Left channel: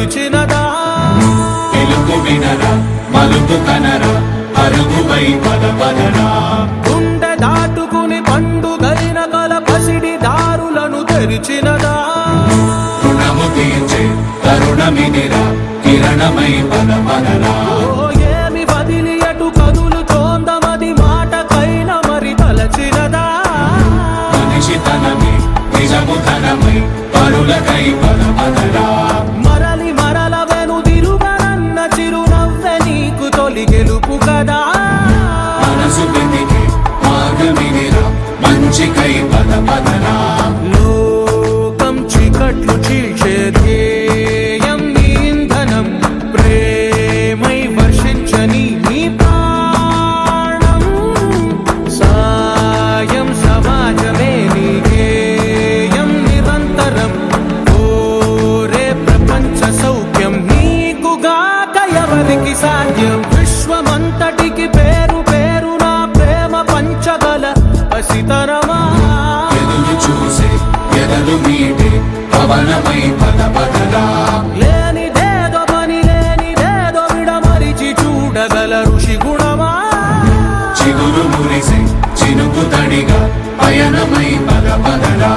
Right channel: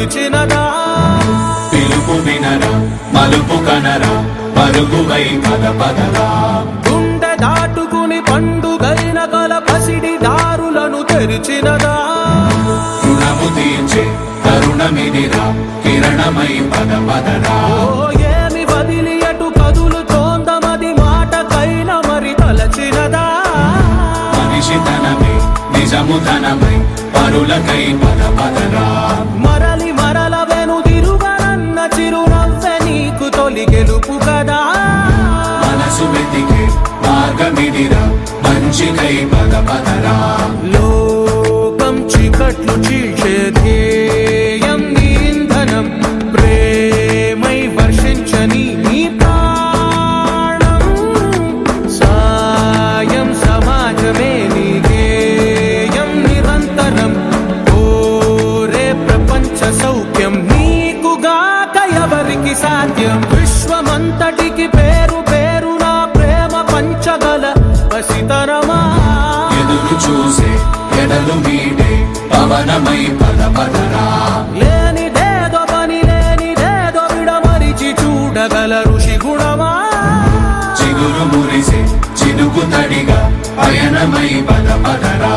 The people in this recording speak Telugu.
పిలిచినదా పిలుపు వినరా మలుపు కనరా పరుగువై పద పదరా గుండె దాటుకుని పండుగైన కల పసిడి దారులను తెరిచినదా రుణము తీర్చే తరుణమిదిరా కిరణమై పద పదరా ఏమి వదిలి అటు కదులుతోందమది మాటకైన మరి తలచినదా మనిషితనమే నిజముధనమై పరులకై పద పదరా మరలి మరల వెనుదిరుగనన్న చిరునవ్వె నీకు తొలి గెలుపు కదా మనసు వెతికే మార్గమిదిరా మంచికై పద పదరా లోకం చీకట్లు చీల్చే ధ్యేయం నీ ఇంధనం ప్రేమై వర్షించని నీ ప్రాణం సాయం సమాజమే నీ గేయం నిరంతరం ఓరే ప్రపంచ సౌఖ్యం నీకుగాక ఎవరికి సాధ్యం విశ్వమంతటికి పేరు పేరు నా ప్రేమ పంచగల పసితనమా ఎదురు చూసే ఎదలు మీడే పవనమై పద పదరా లేనిదేదో పని లేనిదేదో విడమరిచి చూడగల ఋషి గుణమా చిగురు మురిసే చినుకు తడిగా పయనమై పద పదరా